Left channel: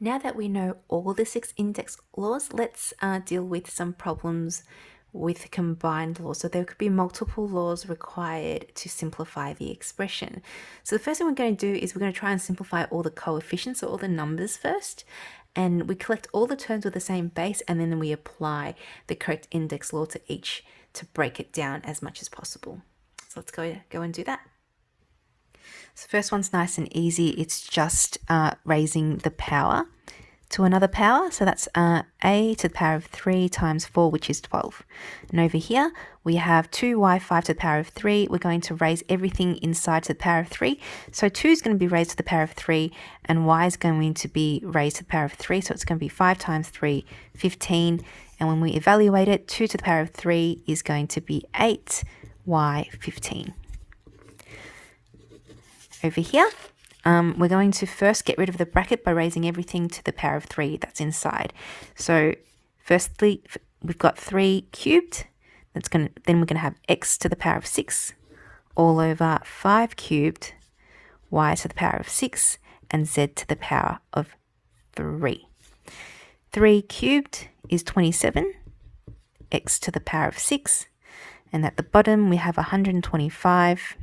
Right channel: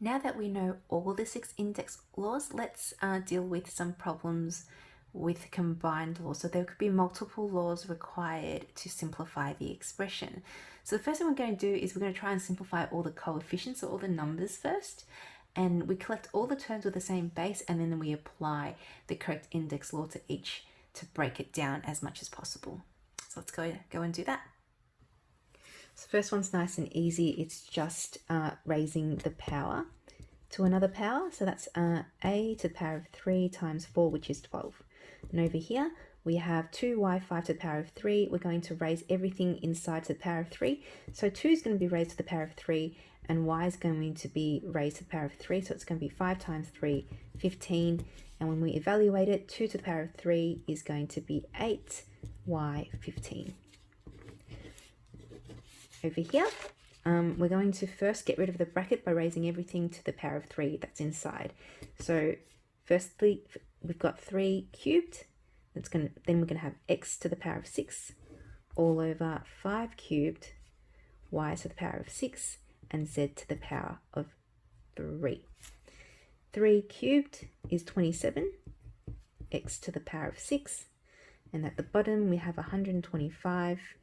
Now that we know all the 6 index laws, let's deal with some problems with combined laws. So there could be multiple laws required to simplify the expression. So the first thing we're going to do is we're going to try and simplify all the coefficients, so all the numbers first. And we collect all the terms with the same base, and then we apply the correct index law to each to break it down as much as possible. So let's go and do that. So first one's nice and easy. It's just raising the power to another power. So that's a to the power of 3 times 4, which is 12. And over here, we have 2y5 to the power of 3. We're going to raise everything inside to the power of 3. So 2 is going to be raised to the power of 3, and y is going to be raised to the power of 3. So it's going to be 5 times 3, 15. And when we evaluate it, 2 to the power of 3 is going to be 8y, 15. Over here, we're going to first get rid of the bracket by raising everything to the power of 3 that's inside. So firstly, we've got 3 cubed. Then we're going to have x to the power of 6 all over 5 cubed, y to the power of 6, and z to the power of 3. 3 cubed is 27, x to the power of 6, and at the bottom we have 125,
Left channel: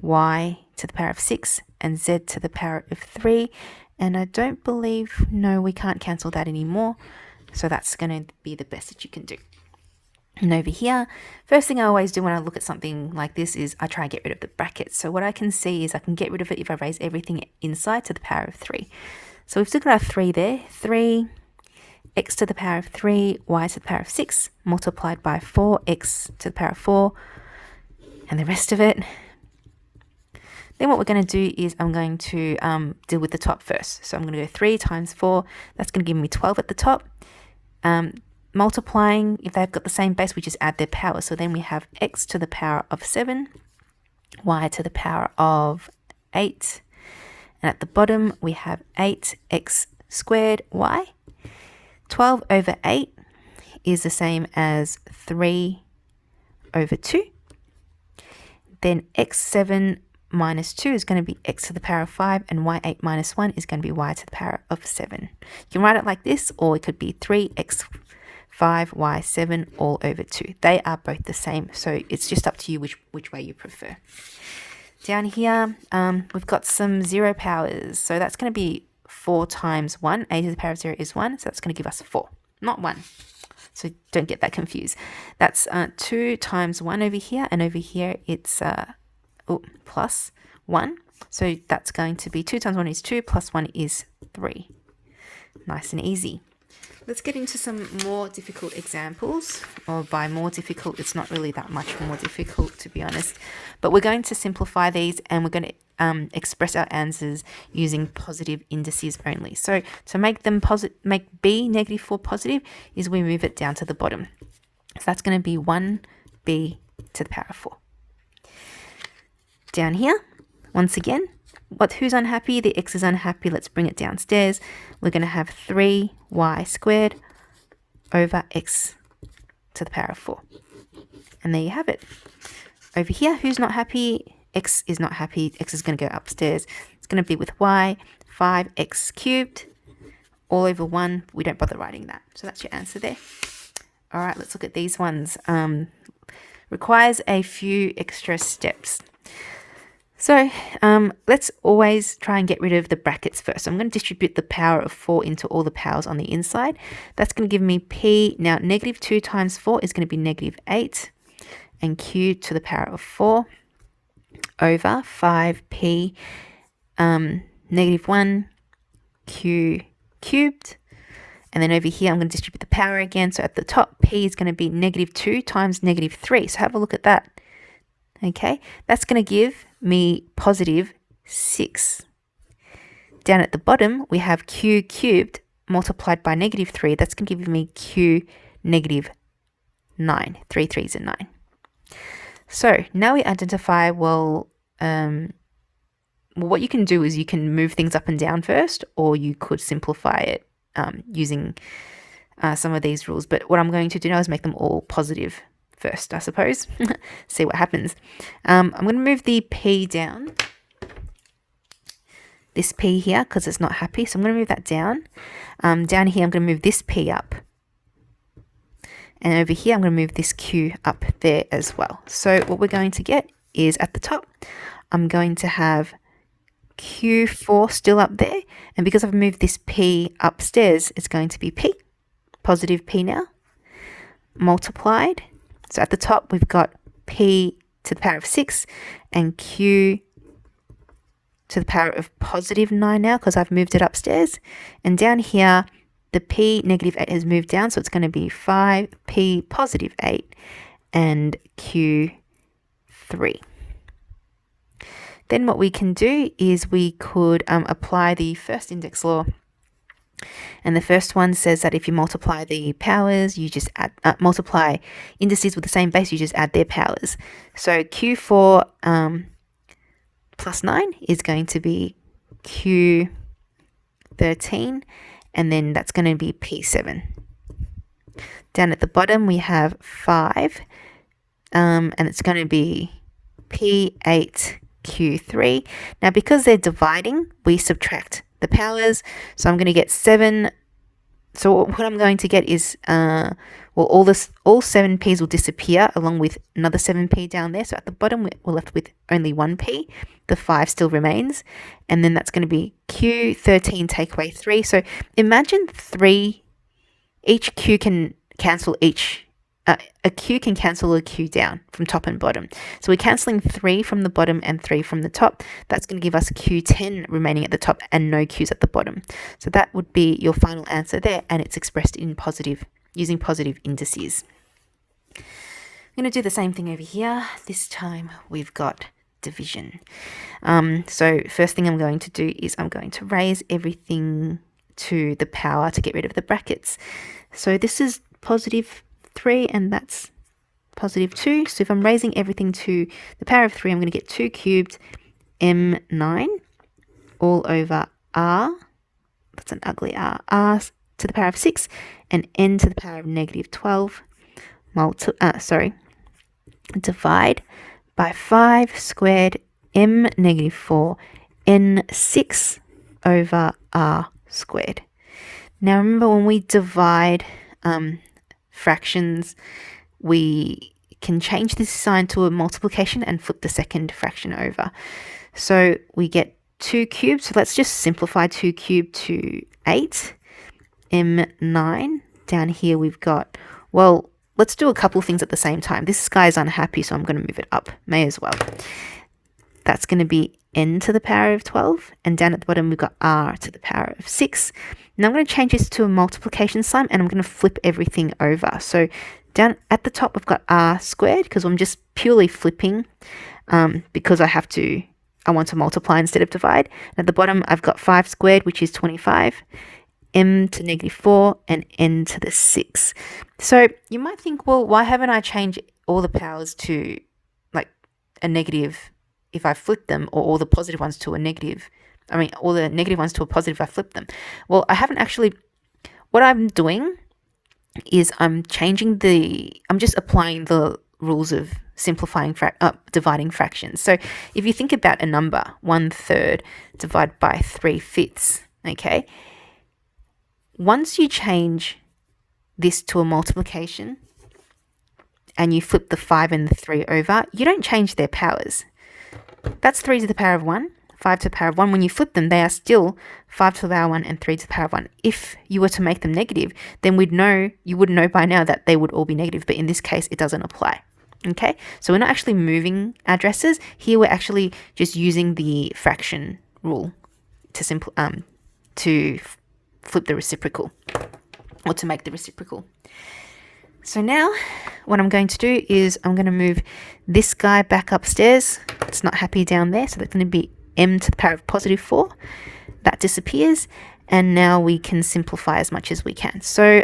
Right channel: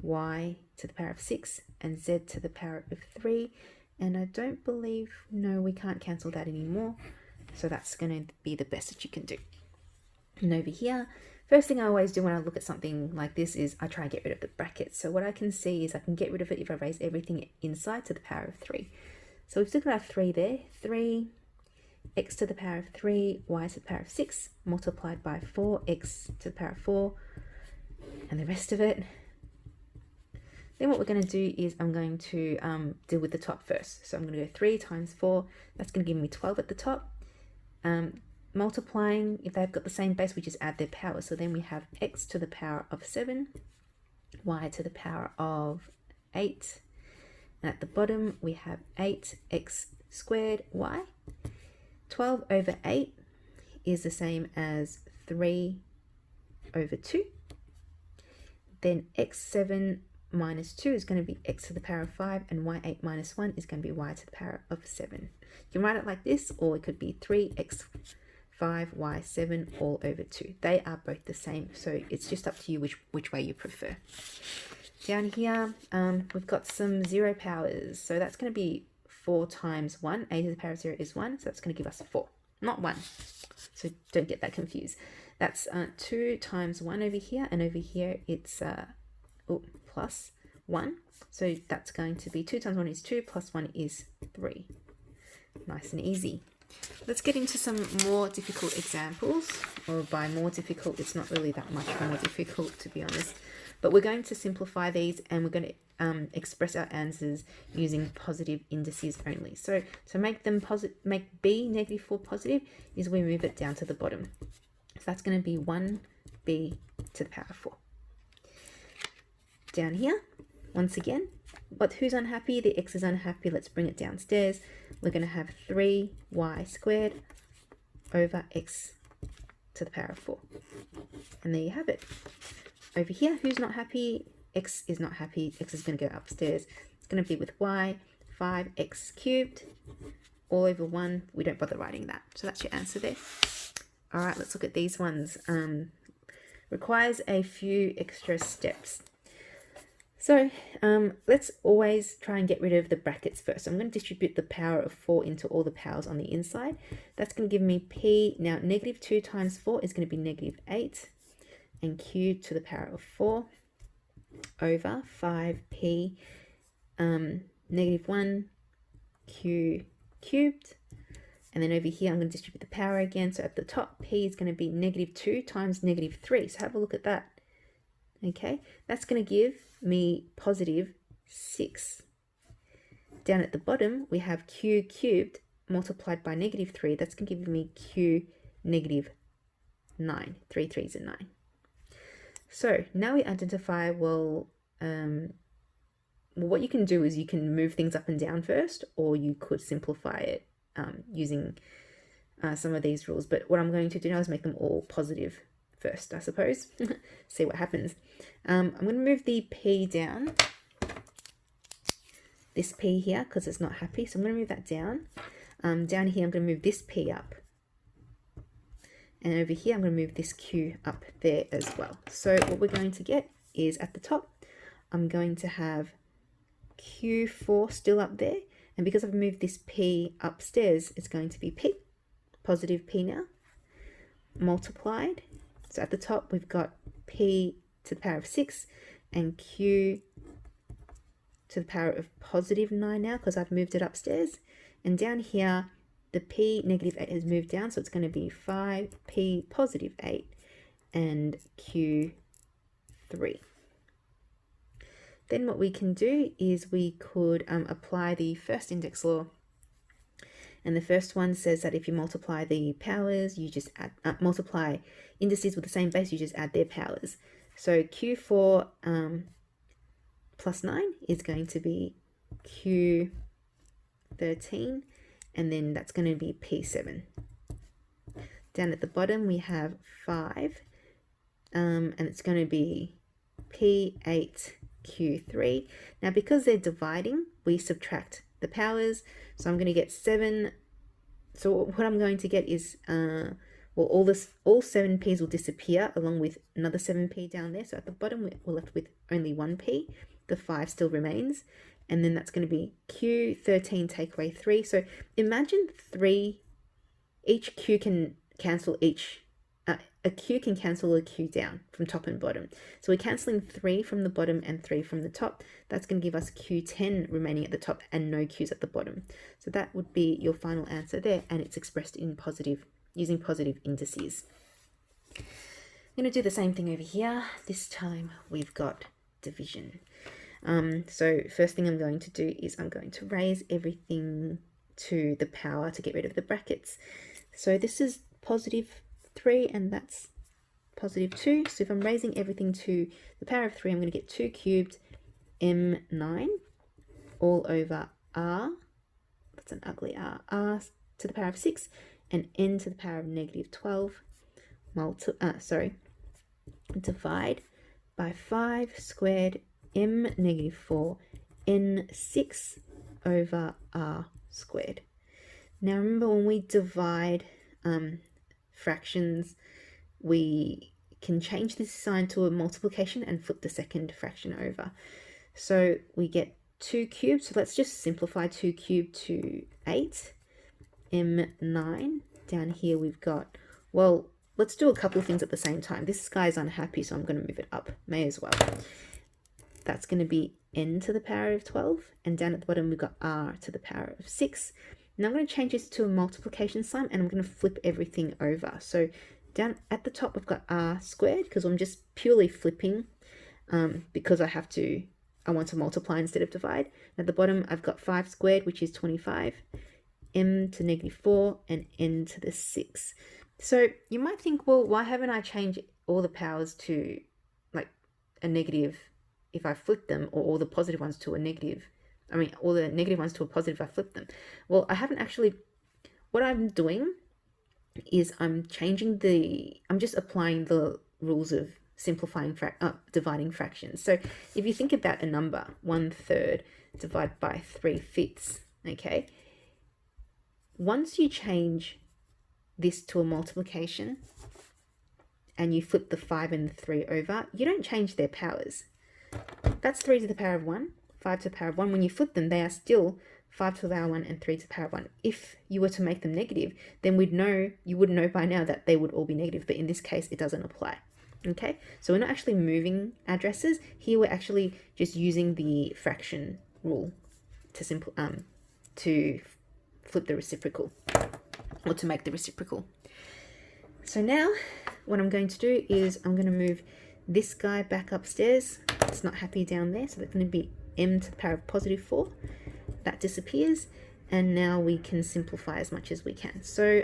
y to the power of 6, and z to the power of 3. And I don't believe, no, we can't cancel that anymore. So that's going to be the best that you can do. And over here, first thing I always do when I look at something like this is I try and get rid of the brackets. So what I can see is I can get rid of it if I raise everything inside to the power of 3. So we've still got our 3 there. 3, x to the power of 3, y to the power of 6, multiplied by 4x to the power of 4, and the rest of it. Then what we're going to do is I'm going to deal with the top first. So I'm going to go 3 times 4. That's going to give me 12 at the top. Multiplying, if they've got the same base, we just add their power. So then we have x to the power of 7, y to the power of 8. And at the bottom, we have 8x squared y. 12 over 8 is the same as 3 over 2. Then x7 minus 2 is going to be x to the power of 5, and y8 minus 1 is going to be y to the power of 7. You can write it like this, or it could be 3x 5, y 7 all over 2. They are both the same, so it's just up to you which way you prefer. Down here, we've got some 0 powers. So that's going to be 4 times 1. A to the power of 0 is 1, so that's going to give us 4, not 1. So don't get that confused. That's 2 times 1 over here, and over here it's plus 1. So that's going to be 2 times 1 is 2, plus 1 is 3. Nice and easy. Let's get into some more difficult examples. Or by more difficult, it's not really that much more difficult, to be honest. But we're going to simplify these, and we're going to express our answers using positive indices only. So to make them make b negative 4 positive is we move it down to the bottom. So that's going to be 1b to the power of 4. Down here, once again, who's unhappy? The x is unhappy. Let's bring it downstairs. We're going to have 3y squared over x to the power of 4. And there you have it. Over here, who's not happy? X is not happy. X is going to go upstairs. It's going to be with y, 5x cubed all over 1. We don't bother writing that. So that's your answer there. All right, let's look at these ones. Requires a few extra steps. So let's always try and get rid of the brackets first. So I'm going to distribute the power of 4 into all the powers on the inside. That's going to give me p. Now, negative 2 times 4 is going to be negative 8, and q to the power of 4 over 5p negative 1 q cubed. And then over here, I'm going to distribute the power again. So at the top, p is going to be negative 2 times negative 3. So have a look at that. Okay, that's going to give me positive 6. Down at the bottom, we have q cubed multiplied by negative 3. That's going to give me q negative 9. 3 3s are 9. So now we identify, well, what you can do is you can move things up and down first, or you could simplify it using some of these rules. But what I'm going to do now is make them all positive first, I suppose. See what happens. I'm going to move the p down. this p here because it's not happy. So I'm going to move that down. Down here, I'm going to move this p up. And over here, I'm going to move this q up there as well. So what we're going to get is at the top, I'm going to have Q4 still up there. And because I've moved this P upstairs, it's going to be P, positive P now, multiplied. So at the top, we've got P to the power of 6 and Q to the power of positive 9 now because I've moved it upstairs. And down here, the P negative 8 has moved down. So it's going to be 5P positive 8 and Q 3. Then what we can do is we could apply the first index law. And the first one says that if you multiply the powers, you just add, multiply indices with the same base, you just add their powers. So Q4 plus 9 is going to be Q13, and then that's going to be P7. Down at the bottom, we have 5, and it's going to be P8, Q3. Now, because they're dividing, we subtract the powers. So I'm going to get 7. So what I'm going to get is, well, all 7 P's will disappear along with another 7P down there. So at the bottom, we're left with only 1P. The 5 still remains. And then that's going to be Q13 take away 3. So imagine 3, each Q can cancel each. A Q can cancel a Q down from top and bottom. So we're cancelling 3 from the bottom and 3 from the top. That's going to give us Q10 remaining at the top and no Qs at the bottom. So that would be your final answer there, and it's expressed in positive, using positive indices. I'm going to do the same thing over here. This time we've got division. So first thing I'm going to do is I'm going to raise everything to the power to get rid of the brackets. So this is positive 3 and that's positive 2. So if I'm raising everything to the power of 3, I'm going to get 2 cubed m9 all over r. That's an ugly r. R to the power of 6 and n to the power of negative 12. Divide by 5 squared m negative 4 n6 over r squared. Now remember, when we divide fractions, we can change this sign to a multiplication and flip the second fraction over. So we get 2 cubed. So let's just simplify 2 cubed to 8 m9. Down here we've got, well, let's do a couple of things at the same time. This guy is unhappy, so I'm going to move it up. May as well. That's going to be n to the power of 12. And down at the bottom, we've got r to the power of 6. Now I'm going to change this to a multiplication sign, and I'm going to flip everything over. So down at the top, I've got r squared because I'm just purely flipping because I want to multiply instead of divide. And at the bottom, I've got 5 squared, which is 25, m to negative 4, and n to the 6. So you might think, well, why haven't I changed all the powers to like a negative if I flip them, or all the positive ones to a negative? I mean, all the negative ones to a positive if I flip them. Well, I haven't actually. What I'm doing is I'm just applying the rules of simplifying, dividing fractions. So if you think about a number, 1/3 divided by 3/5, okay? Once you change this to a multiplication and you flip the 5 and the 3 over, you don't change their powers. That's 3 to the power of 1, 5 to the power of 1. When you flip them, they are still 5 to the power of 1 and 3 to the power of 1. If you were to make them negative, then you would know by now that they would all be negative. But in this case, it doesn't apply. Okay, so we're not actually moving addresses. Here we're actually just using the fraction rule to flip the reciprocal, or to make the reciprocal. So now what I'm going to do is I'm going to move this guy back upstairs. It's not happy down there, so that's going to be m to the power of positive 4. That disappears, and now we can simplify as much as we can. So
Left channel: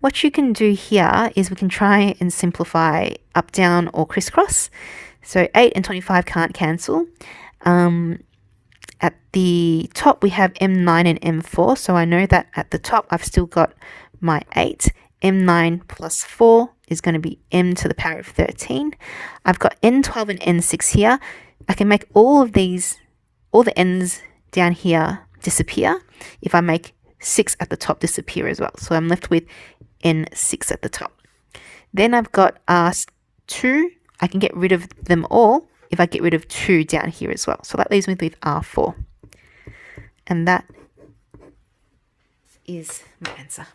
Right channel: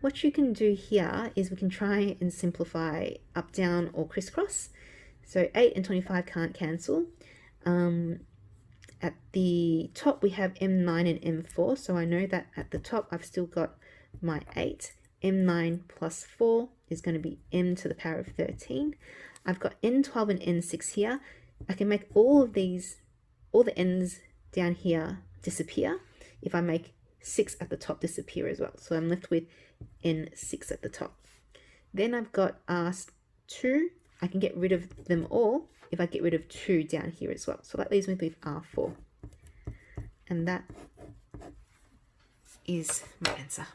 what you can do here is we can try and simplify up, down, or crisscross. So 8 and 25 can't cancel. At the top, we have m9 and m4. So I know that at the top, I've still got my 8. m9 plus 4 is going to be m to the power of 13. I've got n12 and n6 here. I can make all of these, all the n's down here disappear. If I make 6 at the top disappear as well. So I'm left with n6 at the top. Then I've got R2. I can get rid of them all if I get rid of 2 down here as well. So that leaves me with R4. And that is my answer.